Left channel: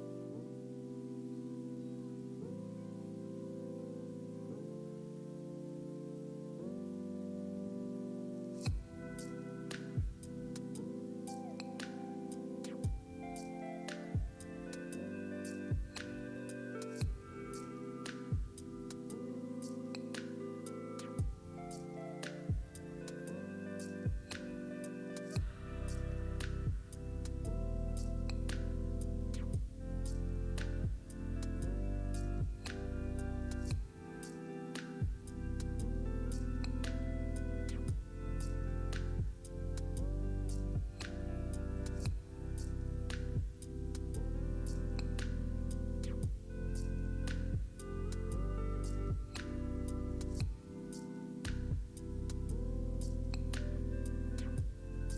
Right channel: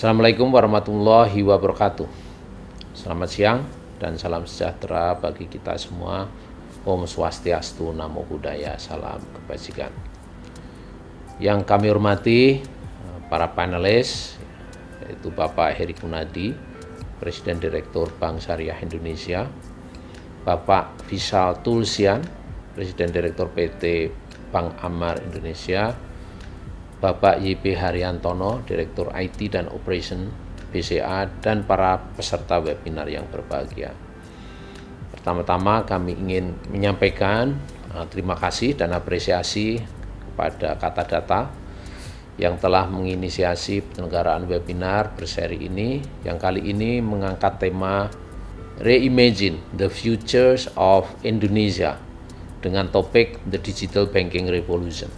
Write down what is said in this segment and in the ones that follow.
Assalamualaikum warahmatullahi wabarakatuh. Selamat siang dan salam sejahtera bagi kita semua. Om Swastiastu, Namo Buddhaya, salam kebajikan. Yang kami hormati para panelis, yaitu Bapak Heri Kunadi, Presiden Direktur Bank Syariah Indonesia, Bapak Vishal Tulsian, Presiden Direktur PT Bank Amar Indonesia, Bapak YP Haryantono, Direktur IT dan Operation BCA, dan para peserta webinar yang berbahagia. Pertama-tama kami ingin menyampaikan terima kasih dan apresiasi kepada Kata Data yang telah menginisiasi penyelenggaraan webinar berseri ini, yang kali ini mengangkat tema Reimagine the Futures of Indonesia dengan topik The Digital Banking Revolution.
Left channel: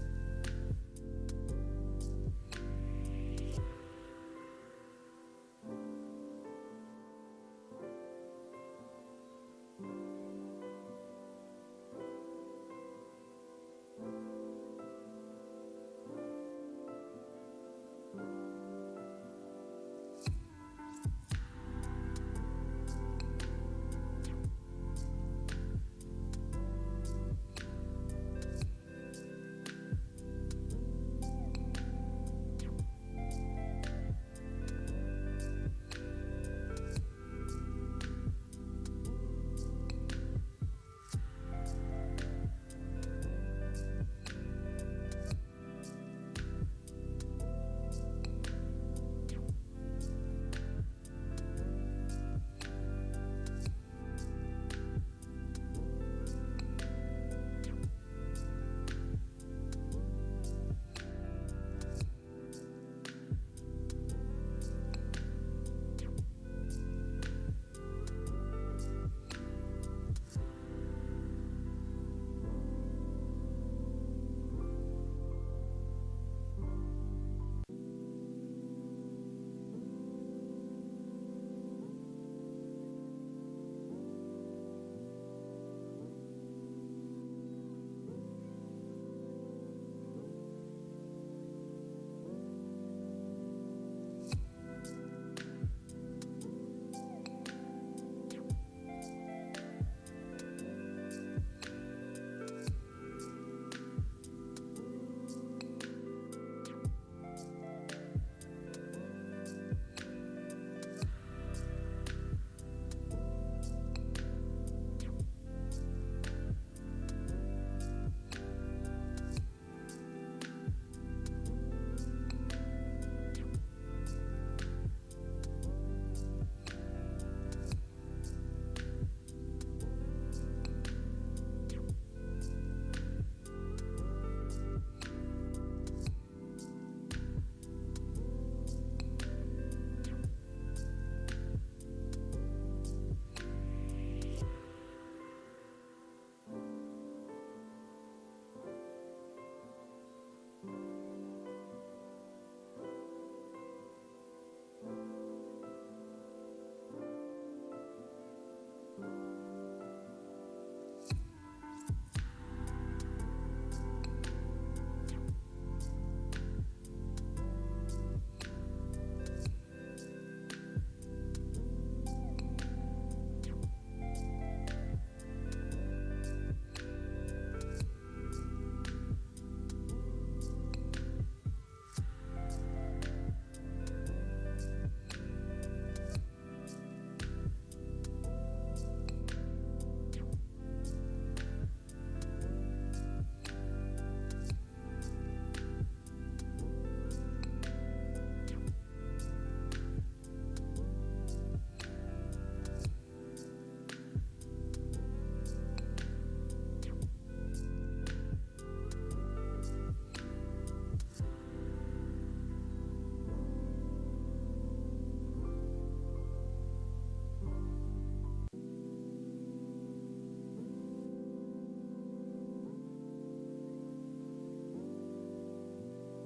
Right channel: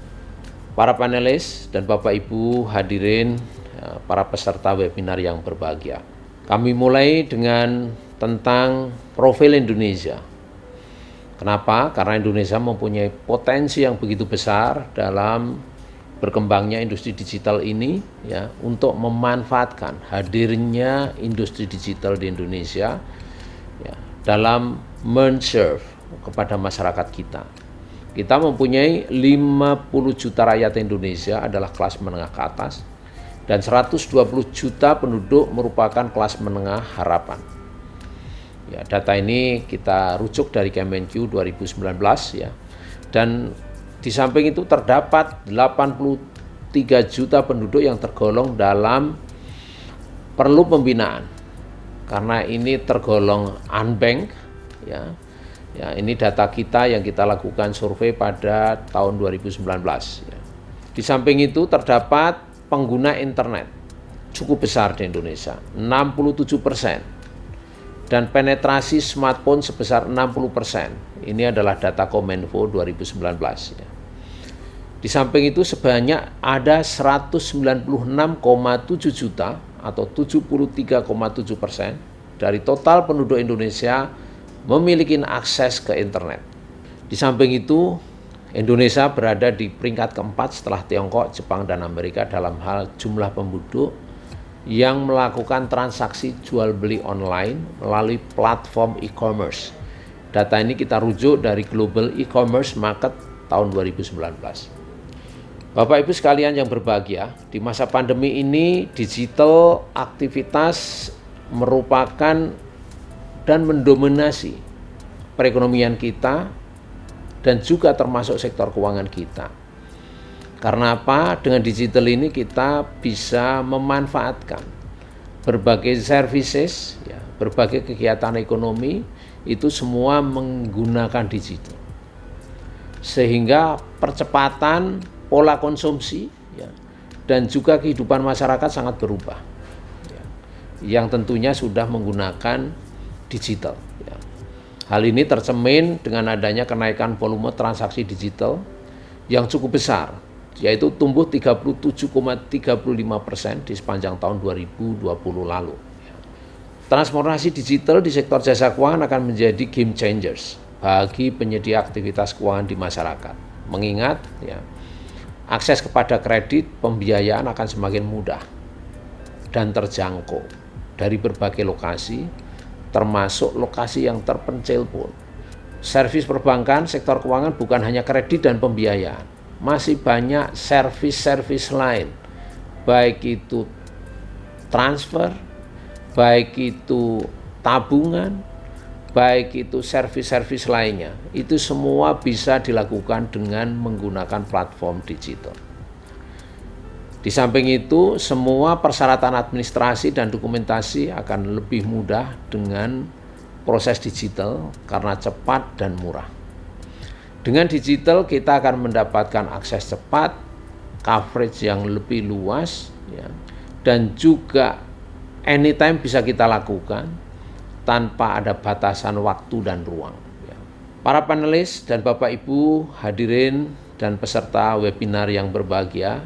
Para panelis dan Bapak Ibu hadirin, para peserta webinar yang berbahagia. Kami mulai dengan tentang profil Indonesia. Kenapa? Karena Indonesia mempunyai potensi yang begitu besar dalam berkembangnya industri digital ini, ya, untuk memanfaatkan hadirnya industri digital di Indonesia, ya, dalam men-serve kepada masyarakat kita. Kita mempunyai 50 juta rakyat Indonesia adalah kelas menengah ke atas dan 120 juta penduduk merupakan kelas menengah harapan. Ya, data ini kita rujuk dari Kemenq 2019, ya. Dan di samping itu terdapat 83 juta penduduk yang tergolong dalam perlu pembinaan. Karena ini tergolong unbanked, ya. Ya, ini data kita yang kita lakukan survei pada tahun 2019. Ya. Di samping itu terdapat pengguna internet cukup besar di Indonesia, 67%. Dan penetrasi smartphone sebesar 60%. Ini adalah data Kominfo 2019. Ya. Di samping itu sebanyak ada 196,7 juta atau 73,7% dari total penduduk Indonesia memiliki akses ke internet. Di samping itu, Indonesia berada di peringkat keempat setelah Tiongkok, Jepang, dan Amerika dalam hal jumlah penduduk yang melakukan transaksi jual beli online melalui platform e-commerce. Data ini kita rujuk dari Global E-commerce Market tahun 2019. Bapak Ibu sekalian yang berbahagia, di masa pandemi ini digital aktivitas merupakan dan mendominasi perekonomian kita dan juga termasuk sektor keuangan kita. Karena apa? Dengan digital ini kita bisa memanfaatkan berbagai services, ya, berbagai kegiatan ekonomi itu semua menggunakan digital. Sehingga percepatan pola konsumsi, ya, dan juga kehidupan masyarakat sangat berubah, ya, yang tentunya sudah menggunakan digital. Ya. Hal ini tercermin dengan adanya kenaikan volume transaksi digital yang cukup besar, yaitu tumbuh 37,35% di sepanjang tahun 2020 lalu. Ya. Transformasi digital di sektor jasa keuangan akan menjadi game changers bagi penyedia aktivitas keuangan di masyarakat. Mengingat, ya, akses kepada kredit pembiayaan akan semakin mudah dan terjangkau dari berbagai lokasi, termasuk lokasi yang terpencil pun. Servis perbankan, sektor keuangan bukan hanya kredit dan pembiayaan, masih banyak servis-servis lain, baik itu transfer, baik itu tabungan, baik itu servis-servis lainnya. Itu semua bisa dilakukan dengan menggunakan platform digital. Di samping itu, semua persyaratan administrasi dan dokumentasi akan lebih mudah dengan proses digital karena cepat dan murah. Dengan digital kita akan mendapatkan akses cepat, coverage yang lebih luas, ya, dan juga anytime bisa kita lakukan tanpa ada batasan waktu dan ruang. Ya. Para panelis dan Bapak Ibu hadirin dan peserta webinar yang berbahagia,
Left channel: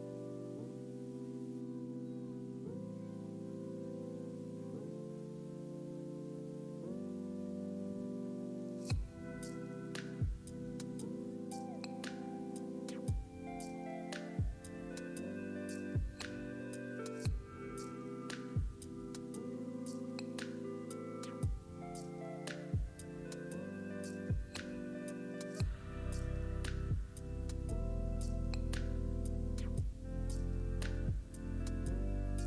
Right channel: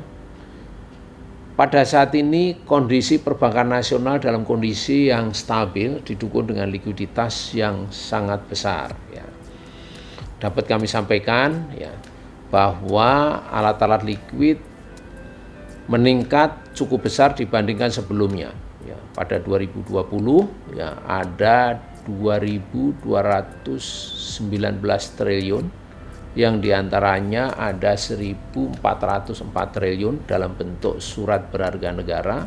pada saat ini kondisi perbankan nasional dalam kondisi yang stabil didukung dengan likuiditas yang sangat besar. Ya. Dapat kami sampaikan, ya, bahwa alat-alat likuid meningkat cukup besar dibandingkan sebelumnya. Ya, pada 2020 ya ada 2.219 triliun, yang diantaranya ada 1.404 triliun dalam bentuk surat berharga negara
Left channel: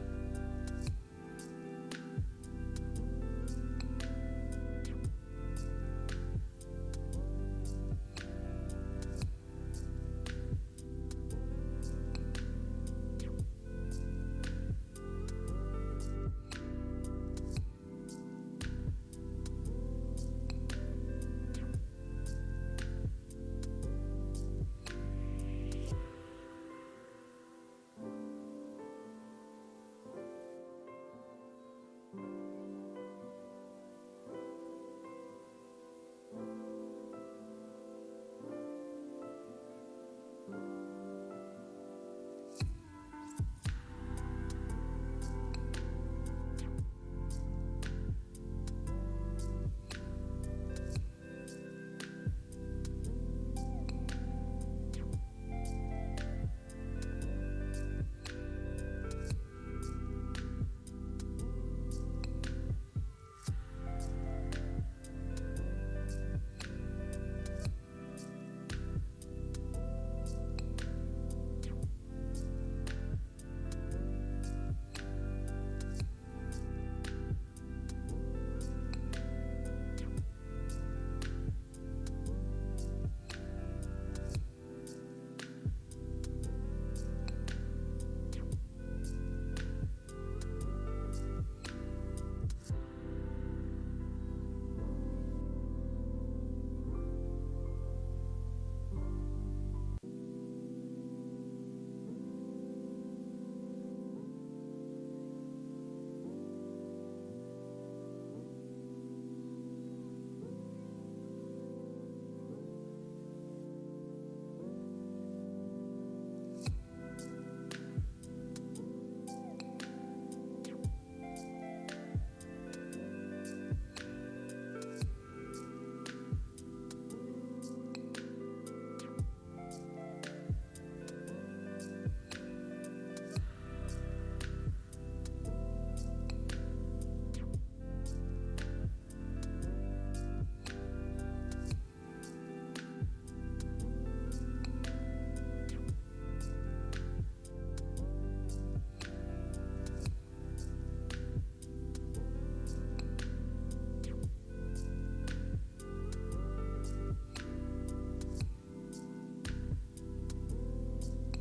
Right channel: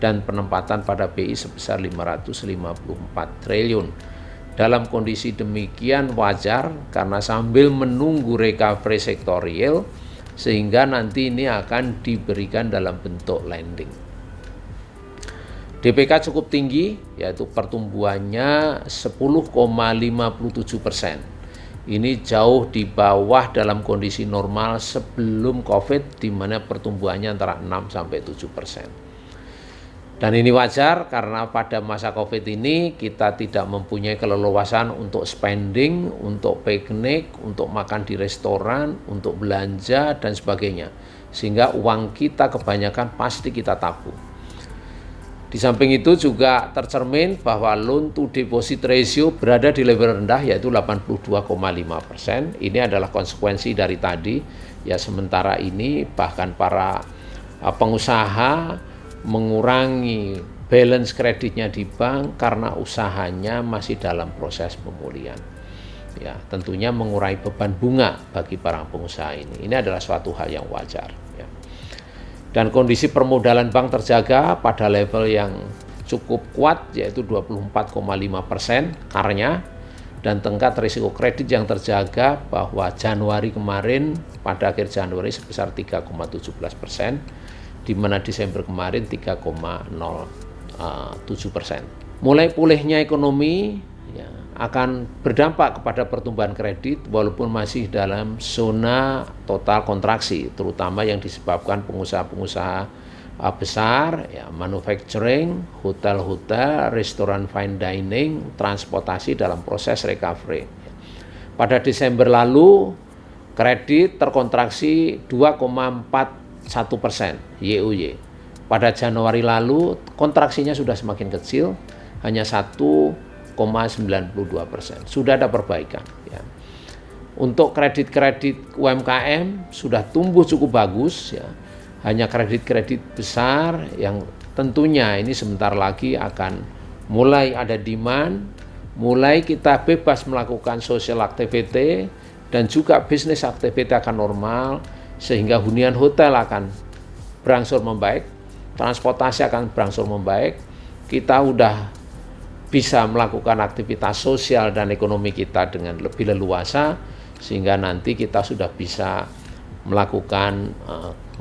dan penempatan pada BI sebesar 554 triliun. Dalam kondisi demikian wajar karena sambil menunggu recovery sektorial sehingga nanti ini akan diberikan dalam bentuk lending. DPK cukup tinggi, yaitu pertumbuhannya 10,57%. Ini jauh di bawah dalam kondisi normal sebelum COVID, di mana pertumbuhannya antara 6-7%. Dan ini wajar karena pada masa COVID ini kita tidak mempunyai keleluasan untuk spending, untuk piknik, untuk makan di restoran, untuk belanja dan sebagainya. Sehingga uang kita kebanyakan pasti kita tabung. Di samping itu juga tercermin bahwa loan to deposit ratio berada di level rendah yaitu 82,5%. Ini adalah konsekuensi dari tadi. Ya, sementara ini bahkan para pengusaha mengurangi balance kreditnya di bank karena usahanya masih dalam proses pemulihan. Ya, tentunya mengurangi beban bunga bagi para pengusaha ini. Ini adalah suatu hal yang wajar. Ya. Dan kondisi permodalan bank terjaga pada level yang cukup kuat yaitu 24,5% karnya, dan tingkat risiko kredit yang terjaga bahwa Januari kemarin pada akhir Januari sebesar 3,17%. Di mana Desember kemarin 3,07%. Mulai pulihnya ekonomi ya, akan berdampak kepada pertumbuhan kredit walaupun masih dalam zona total kontraksi, terutama yang disebabkan pengusaha-pengusaha besar, ya, manufacturing, hotel-hotel, restoran fine dining, transportasi dalam proses recovery. Pada Desember lalu kredit terkontraksi 2,41% YoY. Pada Januari lalu kontraksinya sudah semakin kecil, hanya 1,92%. Sudah ada perbaikan. Ya. Untuk kredit-kredit UMKM sudah tumbuh cukup bagus. Ya. Hanya kredit-kredit besar yang tentunya ini sebentar lagi akan mulai ada demand, mulai kita bebas melakukan social activity dan juga bisnis activity akan normal, sehingga hunian hotel akan berangsur membaik, transportasi akan berangsur membaik, kita udah bisa melakukan aktivitas sosial dan ekonomi kita dengan lebih leluasa, sehingga nanti kita sudah bisa melakukan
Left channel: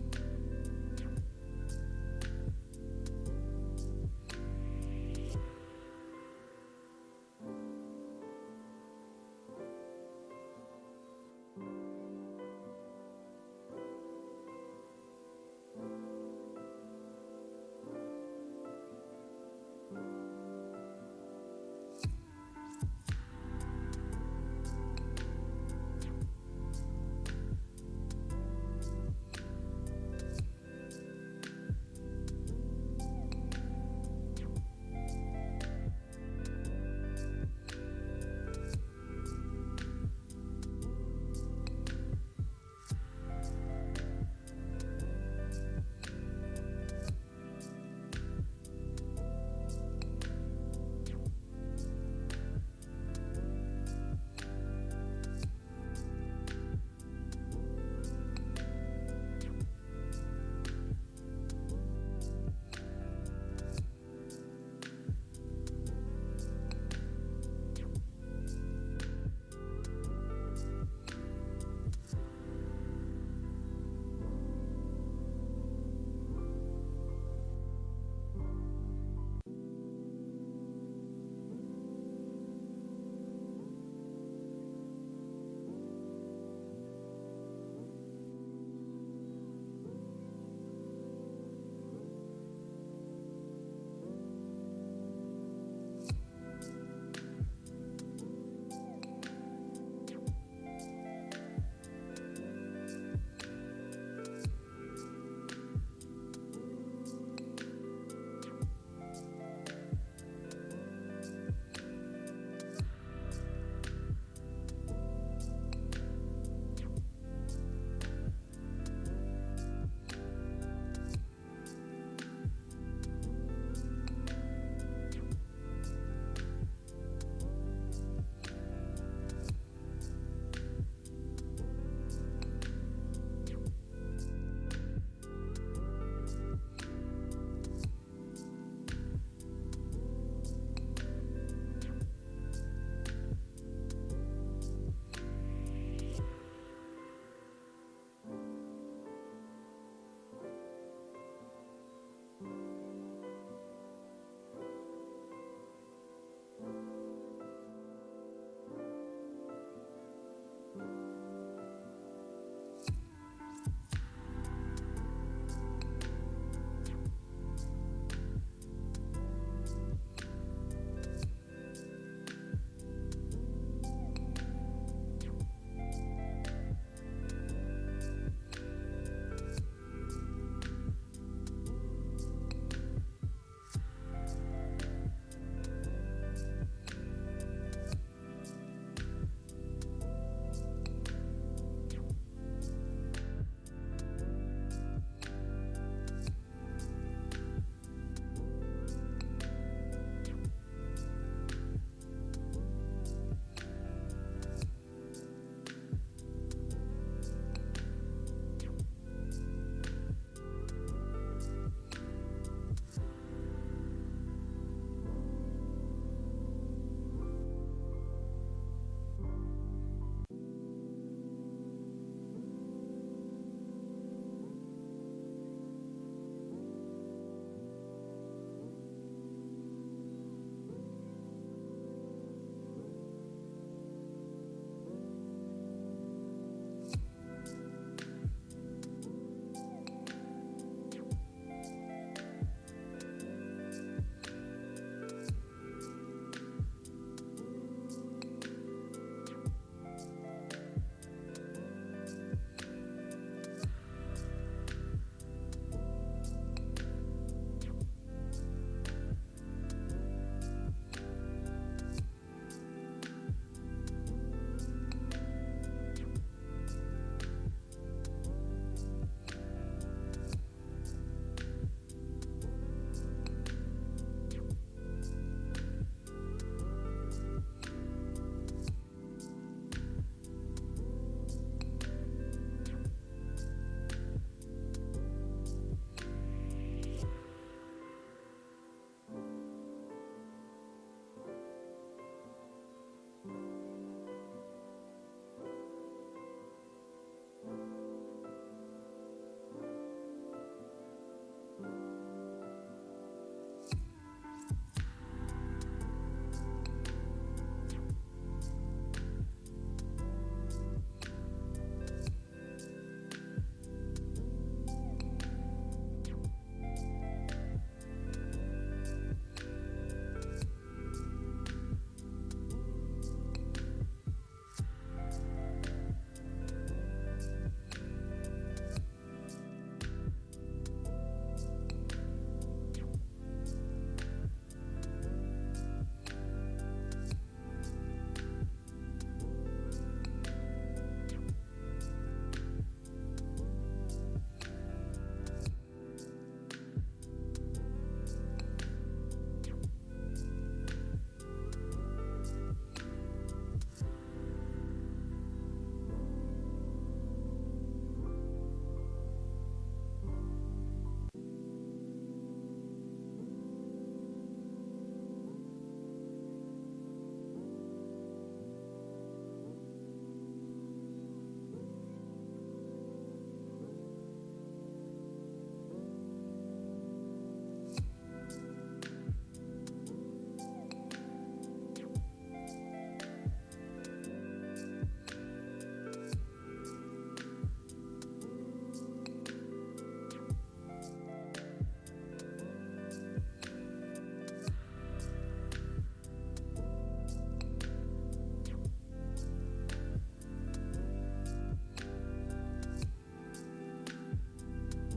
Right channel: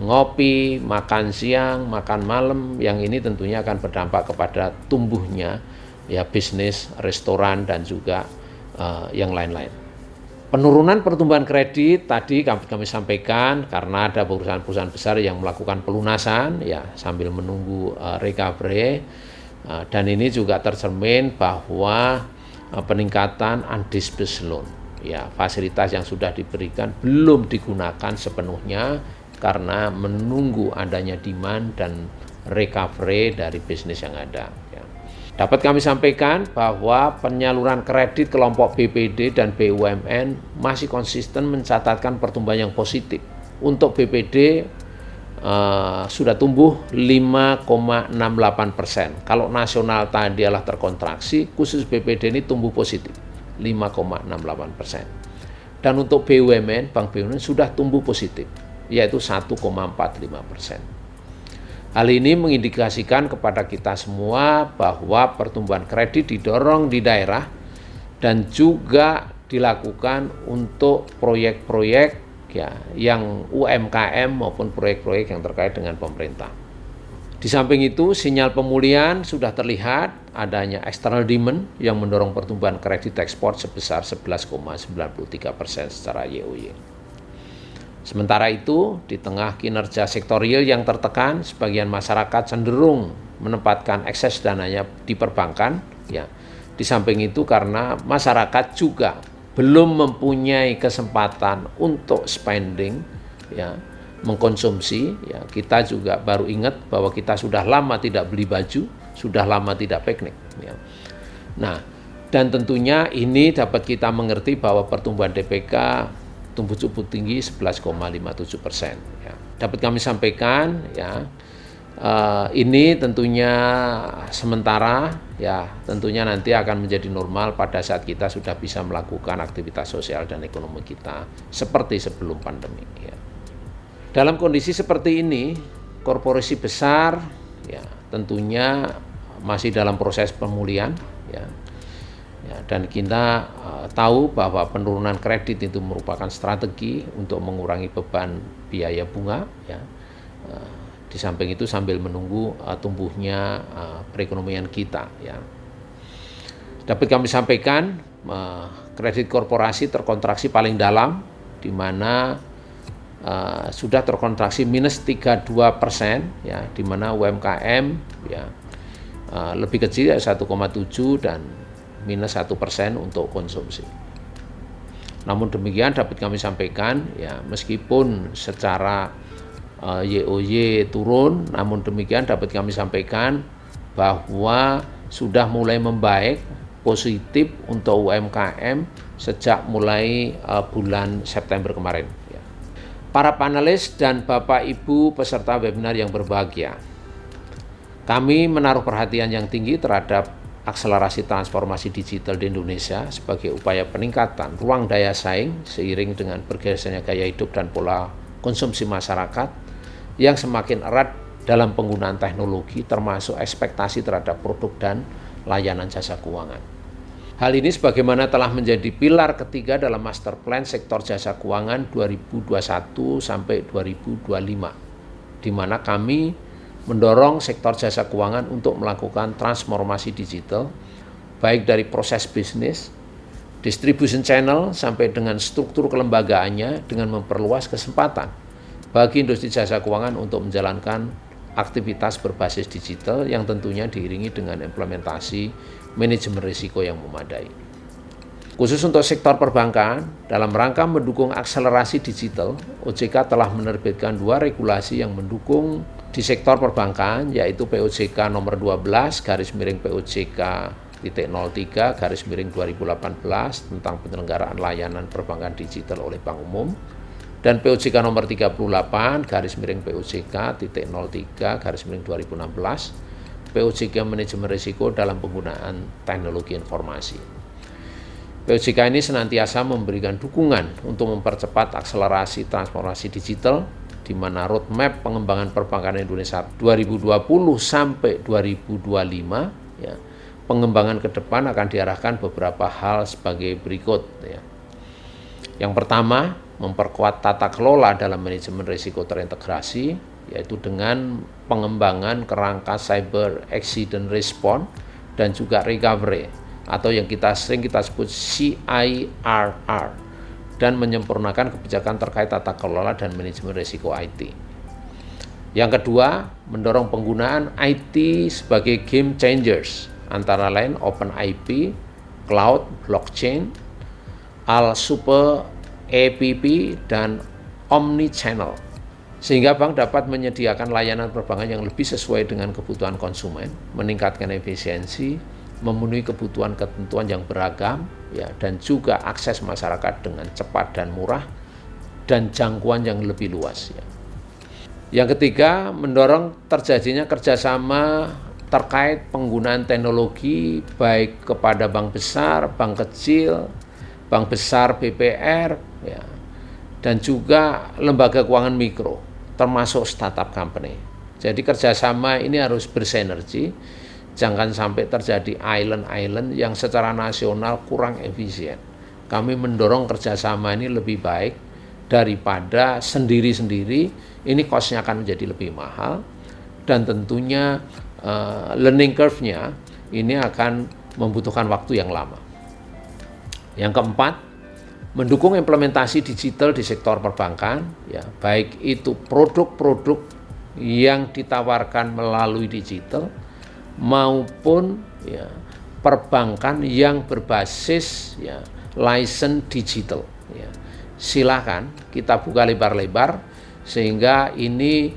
ngopi, makan siang, makan malam, yang ini tentunya akan berdampak kepada tumbuhnya ya bisnis, restoran dan juga yang lain-lain. Penurunan pertumbuhan kredit tadi kami sampaikan karena ada perusahaan-perusahaan besar yang melakukan pelunasan ya sambil menunggu recovery, dan ini juga tercermin bahwa peningkatan undisbursed loan ya, fasilitas yang sudah diberikan belum digunakan sepenuhnya karena menunggu adanya demand dan recovery dari bisnis yang ada. Dapat kami sampaikan bahwa penyaluran kredit kelompok BPD dan BUMN masih konsisten mencatatkan pertumbuhan yang positif. Untuk BPD sudah tumbuh 5,68%. Kalau nasional tadi adalah terkontraksi, khusus BPD ini tumbuh positif 5,68%. Dan untuk BUMN, Bank BUMN sudah tumbuh positif, yaitu 1,45%. Hal ini mengindikasikan kepada kita semua bahwa pertumbuhan kredit didorong di daerah dan juga dilakukan untuk proyek-proyek ya, yang UMKM maupun proyek-proyek yang terkait dengan pemerintah. Di samping itu, sinyal pemulihan sudah terlihat adanya external demand yang mendorong pertumbuhan kredit ekspor sebesar 11,93% secara YoY. Sementara itu, di tengah kinerja sektorial yang tertekan, sebagian masyarakat cenderung menempatkan ekses dananya di perbankan. Ya. Di samping itu karena masyarakat juga belum mempunyai kesempatan untuk spending, ya, mengkonsumsi. Ya. Kita juga baru ingat bahwa kita sudah lama tidak beli baju, sudah lama tidak piknik. Ya. Nah, dan tentunya ini dapat kita mengerti bahwa pertumbuhan DPK tumbuh cukup tinggi 11,57%. Ya. Dapat kami sampaikan ya Ini tentunya sementara, ya tentunya nanti akan menjadi normal pada saat kita sudah bisa melakukan aktivitas sosial dan ekonomi kita seperti sebelum pandemi. Ya. Dalam kondisi seperti ini, korporasi besar ya tentunya masih dalam proses pemulihan, ya. Dan kita tahu bahwa penurunan kredit itu merupakan strategi untuk mengurangi beban biaya bunga, ya. Di samping itu sambil menunggu tumbuhnya perekonomian kita, ya. Dapat kami sampaikan kredit korporasi terkontraksi paling dalam, di mana sudah terkontraksi minus 32%, ya, di mana UMKM ya lebih kecil ya 1,7 dan minus 1% untuk konsumsi. Namun demikian dapat kami sampaikan ya meskipun secara YoY turun, namun demikian dapat kami sampaikan bahwa sudah mulai membaik positif untuk UMKM sejak mulai bulan September kemarin. Ya. Para panelis dan Bapak Ibu peserta webinar yang berbahagia, kami menaruh perhatian yang tinggi terhadap akselerasi transformasi digital di Indonesia sebagai upaya peningkatan ruang daya saing seiring dengan bergesernya gaya hidup dan pola konsumsi masyarakat yang semakin erat dalam penggunaan teknologi termasuk ekspektasi terhadap produk dan layanan jasa keuangan. Hal ini sebagaimana telah menjadi pilar ketiga dalam Master Plan Sektor Jasa Keuangan 2021 sampai 2025, di mana kami mendorong sektor jasa keuangan untuk melakukan transformasi digital baik dari proses bisnis, distribution channel sampai dengan struktur kelembagaannya dengan memperluas kesempatan bagi industri jasa keuangan untuk menjalankan aktivitas berbasis digital yang tentunya diiringi dengan implementasi manajemen risiko yang memadai. Khusus untuk sektor perbankan, dalam rangka mendukung akselerasi digital, OJK telah menerbitkan 2 regulasi yang mendukung di sektor perbankan, yaitu POJK nomor 12 /POJK-03/2018 tentang penyelenggaraan layanan perbankan digital oleh Bank Umum, dan POJK nomor 38/POJK-03/2016 POJK manajemen risiko dalam penggunaan teknologi informasi. POJK ini senantiasa memberikan dukungan untuk mempercepat akselerasi transformasi digital, di mana roadmap pengembangan perbankan Indonesia 2020 sampai 2025, ya, pengembangan ke depan akan diarahkan beberapa hal sebagai berikut. Ya. Yang pertama, memperkuat tata kelola dalam manajemen risiko terintegrasi, yaitu dengan pengembangan kerangka cyber accident response dan juga recovery, atau yang sering kita sebut CIRR, dan menyempurnakan kebijakan terkait tata kelola dan manajemen risiko IT. Yang kedua, mendorong penggunaan IT sebagai game changers, antara lain Open IP, Cloud, Blockchain, Al-Super APP, dan Omni-Channel, sehingga bank dapat menyediakan layanan perbankan yang lebih sesuai dengan kebutuhan konsumen, meningkatkan efisiensi, memenuhi kebutuhan ketentuan yang beragam, ya, dan juga akses masyarakat dengan cepat dan murah, dan jangkauan yang lebih luas. Ya. Yang ketiga, mendorong terjadinya kerjasama terkait penggunaan teknologi baik kepada bank besar, bank kecil, bank besar BPR, ya, dan juga lembaga keuangan mikro, termasuk startup company. Jadi kerjasama ini harus bersinergi, jangan sampai terjadi island-island yang secara nasional kurang efisien. Kami mendorong kerjasama ini lebih baik daripada sendiri-sendiri, ini cost-nya akan menjadi lebih mahal, dan tentunya learning curve-nya ini akan membutuhkan waktu yang lama. Yang keempat, mendukung implementasi digital di sektor perbankan, ya, baik itu produk-produk yang ditawarkan melalui digital maupun, ya, perbankan yang berbasis, ya, license digital. Ya. Silakan kita buka lebar-lebar sehingga ini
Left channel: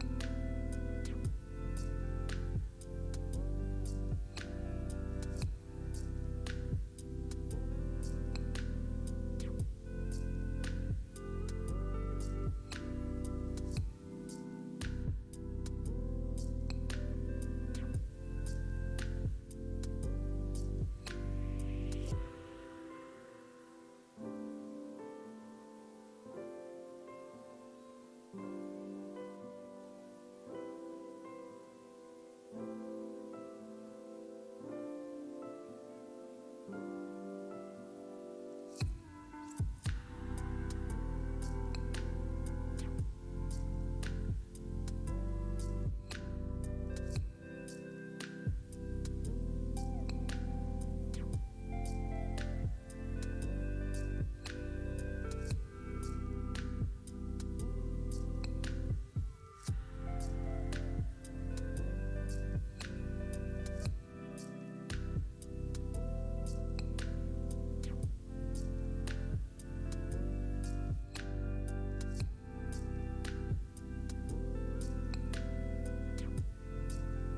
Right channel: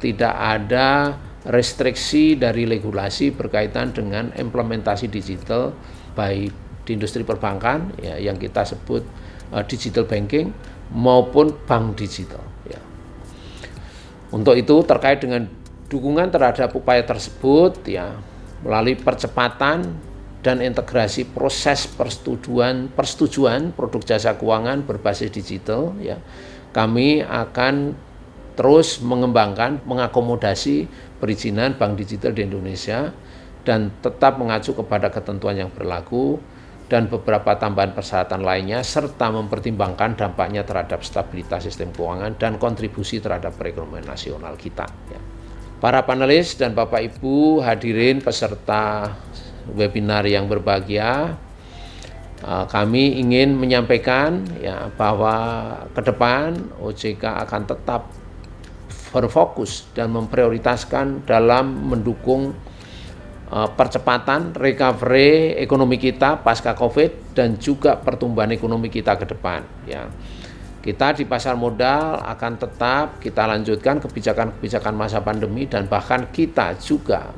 tidak ada restriksi dari regulasi berkaitan dengan implementasi digital baik di industri perbankan, ya, yang kita sebut digital banking maupun bank digital. Ya. Untuk itu terkait dengan Dukungan terhadap upaya tersebut ya melalui percepatan dan integrasi proses persetujuan produk jasa keuangan berbasis digital ya. Kami akan terus mengembangkan, mengakomodasi perizinan bank digital di Indonesia dan tetap mengacu kepada ketentuan yang berlaku dan beberapa tambahan persyaratan lainnya serta mempertimbangkan dampaknya terhadap stabilitas sistem keuangan dan kontribusi terhadap perekonomian nasional kita ya. Para panelis dan Bapak Ibu hadirin peserta webinar yang berbahagia, kami ingin menyampaikan ya bahwa ke depan OJK akan tetap berfokus dan memprioritaskan dalam mendukung percepatan recovery ekonomi kita pasca Covid dan juga pertumbuhan ekonomi kita ke depan ya. Kita di pasar modal akan tetap kita lanjutkan kebijakan-kebijakan masa pandemi dan bahkan kita juga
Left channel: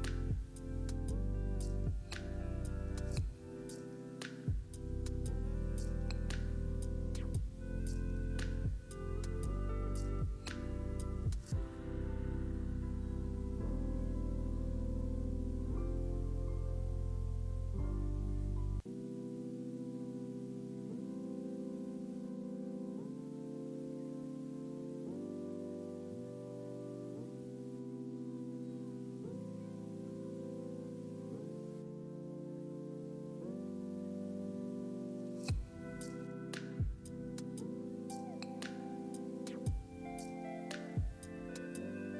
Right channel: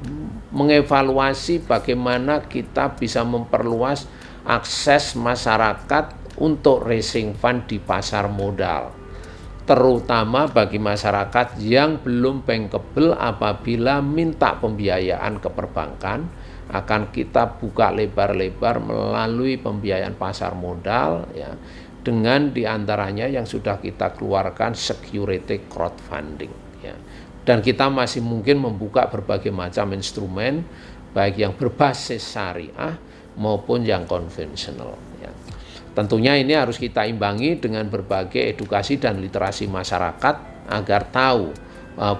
mengevaluasi bagaimana kita bisa memperluas akses masyarakat untuk raising fund di pasar modal, terutama bagi masyarakat yang belum bankable apabila minta pembiayaan ke perbankan, akan kita buka lebar-lebar melalui pembiayaan pasar modal ya, dengan diantaranya yang sudah kita keluarkan security crowdfunding ya. Dan kita masih mungkin membuka berbagai macam instrumen baik yang berbasis syariah maupun yang konvensional ya. Tentunya ini harus kita imbangi dengan berbagai edukasi dan literasi masyarakat agar tahu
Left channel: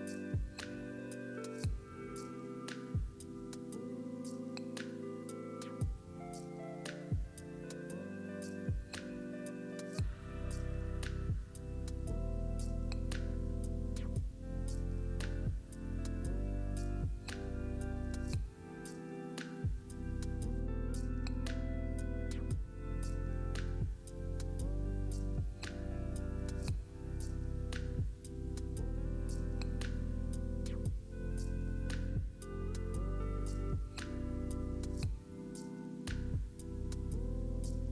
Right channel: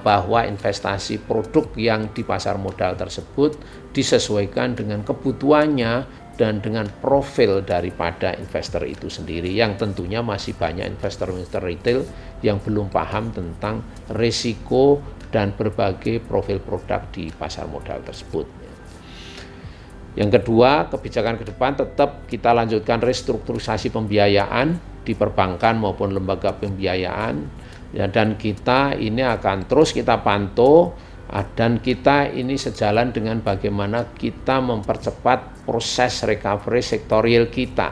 bahwa investasi produk yang di pasar modal tersebut disesuaikan dengan kebutuhannya dan dengan profil daripada investor itu sendiri, yang tentunya masih banyak investor-investor retail yang belum paham tentang risiko dan berbagai profil produk di pasar modal tersebut. Yang kedua, kebijakan ke depan tetap kita lanjutkan restrukturisasi pembiayaan di perbankan maupun lembaga pembiayaan ya, dan kita ini akan terus kita pantau dan kita ini sejalan dengan bagaimana kita mempercepat proses recovery sektorial kita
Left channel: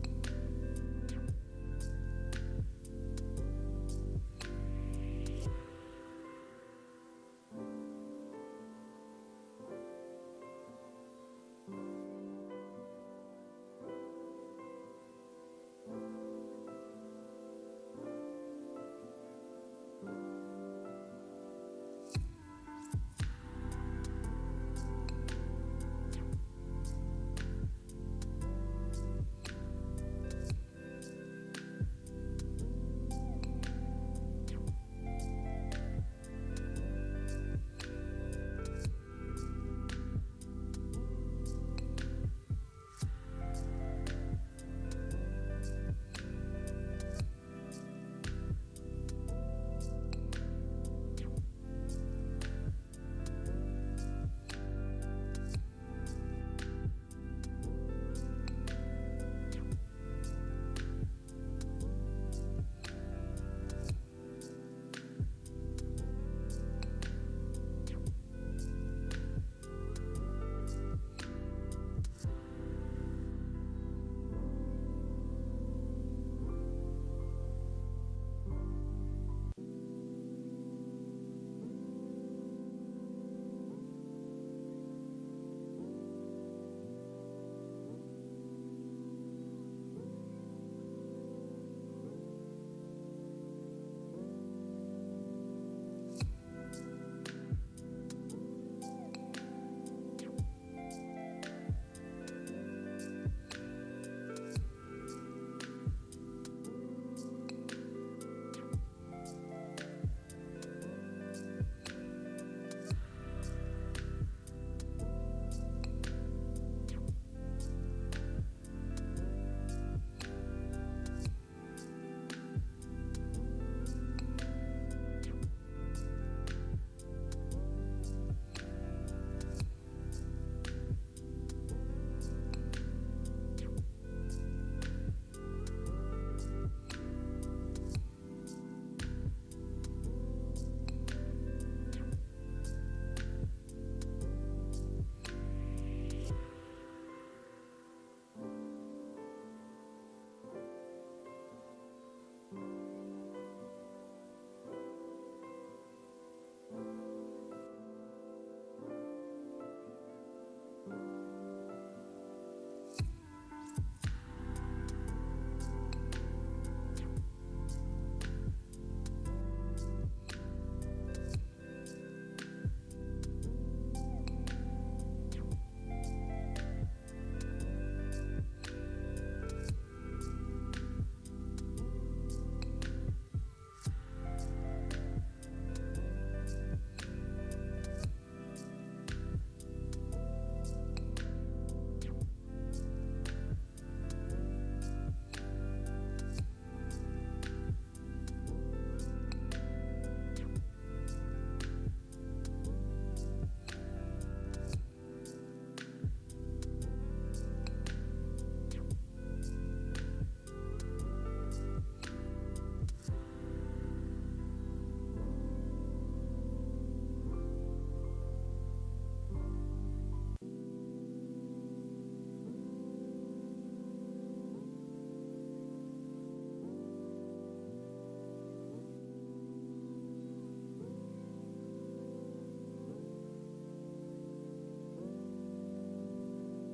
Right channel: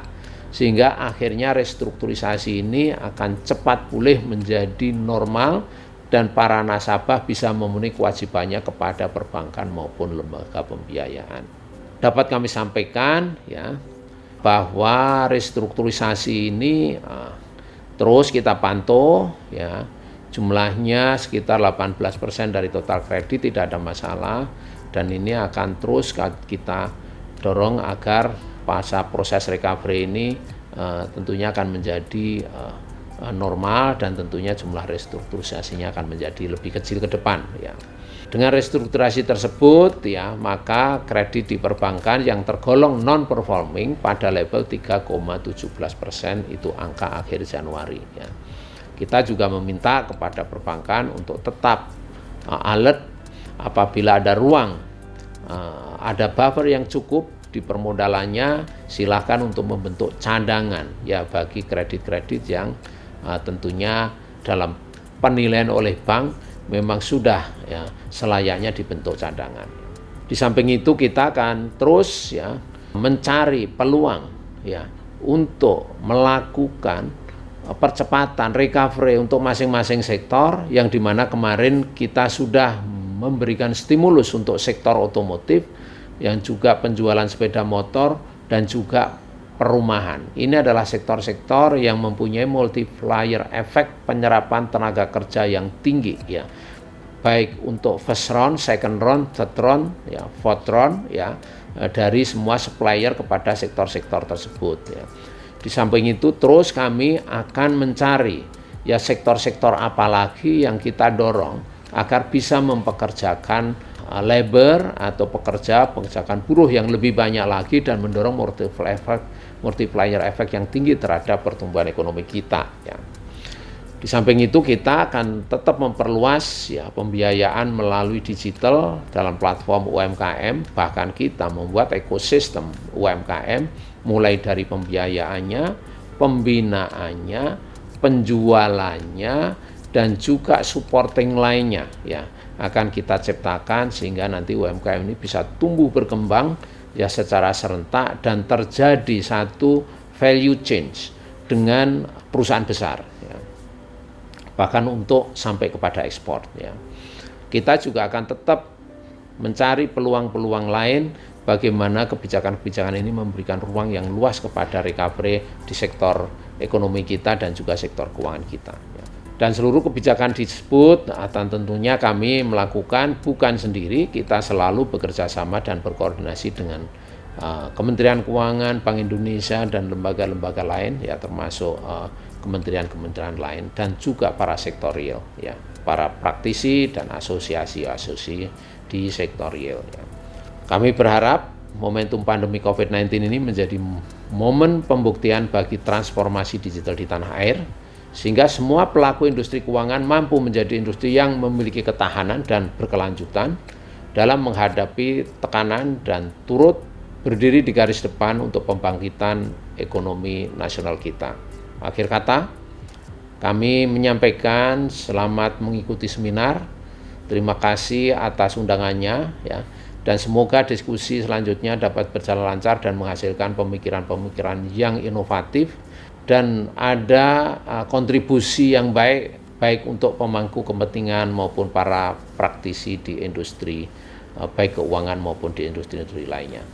sehingga akhirnya restrukturisasi ini akan cepat pulih menjadi normal dan para nasabah bisa memenuhi kewajibannya kepada perbankan maupun lembaga pembiayaan. Dapat kami sampaikan ya bahwa restrukturisasi ini terus kita pantau ya. Jumlahnya sekitar 18% dari total kredit, tidak ada masalah, dan ini akan terus kita dorong agar proses recovery ini tentunya akan menjadi normal dan tentunya jumlah restrukturisasinya akan menjadi lebih kecil ke depan ya. Dengan restrukturisasi tersebut ya, maka kredit di perbankan yang tergolong non performing pada level 3,17% itu angka akhir Januari ya. Kita juga meminta kepada perbankan untuk tetap alert apabila ada ruang, ada buffer yang cukup di permodalannya, silakan untuk membentuk cadangan ya bagi kredit-kredit yang tentunya dalam penilaian oleh bank memang sudah ya selayaknya dibentuk cadangan. Di samping itu kita akan terus ya mencari peluang ya untuk melakukan percepatan recovery untuk masing-masing sektor, yang dimana kemarin kita sudah memberikan stimulus untuk sektor otomotif, yang juga penjualan sepeda motor dan juga perumahan. Ini adalah sektor-sektor yang mempunyai multiplier efek penyerapan tenaga kerja yang tinggi ya, baik untuk first round, second round, third round, ya, fourth round ya, dari semua supplier kepada sektor-sektor tersebut ya. Di samping itu terus kami akan mencari ya sektor-sektor apa lagi yang kita dorong agar bisa mempekerjakan labor atau pekerjakan buruh yang lebih banyak lagi dan mendorong multiplier effect yang tinggi terhadap pertumbuhan ekonomi kita ya. Di samping itu kita akan tetap memperluas ya pembiayaan melalui digital dalam platform UMKM, bahkan kita membuat ekosistem UMKM mulai dari pembiayaannya, pembinaannya, penjualannya, dan juga supporting lainnya ya akan kita ciptakan sehingga nanti UMKM ini bisa tumbuh berkembang ya secara serentak dan terjadi satu value change dengan perusahaan besar ya. Bahkan untuk sampai kepada ekspor ya. kita juga akan tetap mencari peluang-peluang lain bagaimana kebijakan-kebijakan ini memberikan ruang yang luas kepada recovery di sektor ekonomi kita dan juga sektor keuangan kita. Dan seluruh kebijakan disebut akan tentunya kami melakukan bukan sendiri, kita selalu bekerja sama dan berkoordinasi dengan Kementerian Keuangan, Bank Indonesia dan lembaga-lembaga lain ya, termasuk kementerian-kementerian lain dan juga para sektorial ya, para praktisi dan asosiasi-asosiasi di sektorial ya. Kami berharap momentum pandemi COVID-19 ini menjadi momen pembuktian bagi transformasi digital di tanah air, sehingga semua pelaku industri keuangan mampu menjadi industri yang memiliki ketahanan dan berkelanjutan dalam menghadapi tekanan dan turut berdiri di garis depan untuk pembangkitan ekonomi nasional kita. Akhir kata, kami menyampaikan selamat mengikuti seminar. Terima kasih atas undangannya ya. Dan semoga diskusi selanjutnya dapat berjalan lancar dan menghasilkan pemikiran-pemikiran yang inovatif dan ada kontribusi yang baik untuk pemangku kepentingan maupun para praktisi di industri baik keuangan maupun di industri-industri lainnya.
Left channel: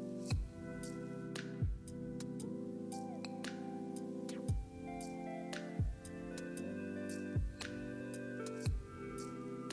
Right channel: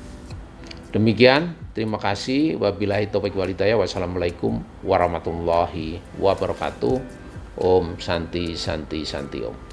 Demikian, terima kasih. Wabillahi taufiq wal hidayah. Wassalamualaikum warahmatullahi wabarakatuh. Om Santi Santi Santi Om.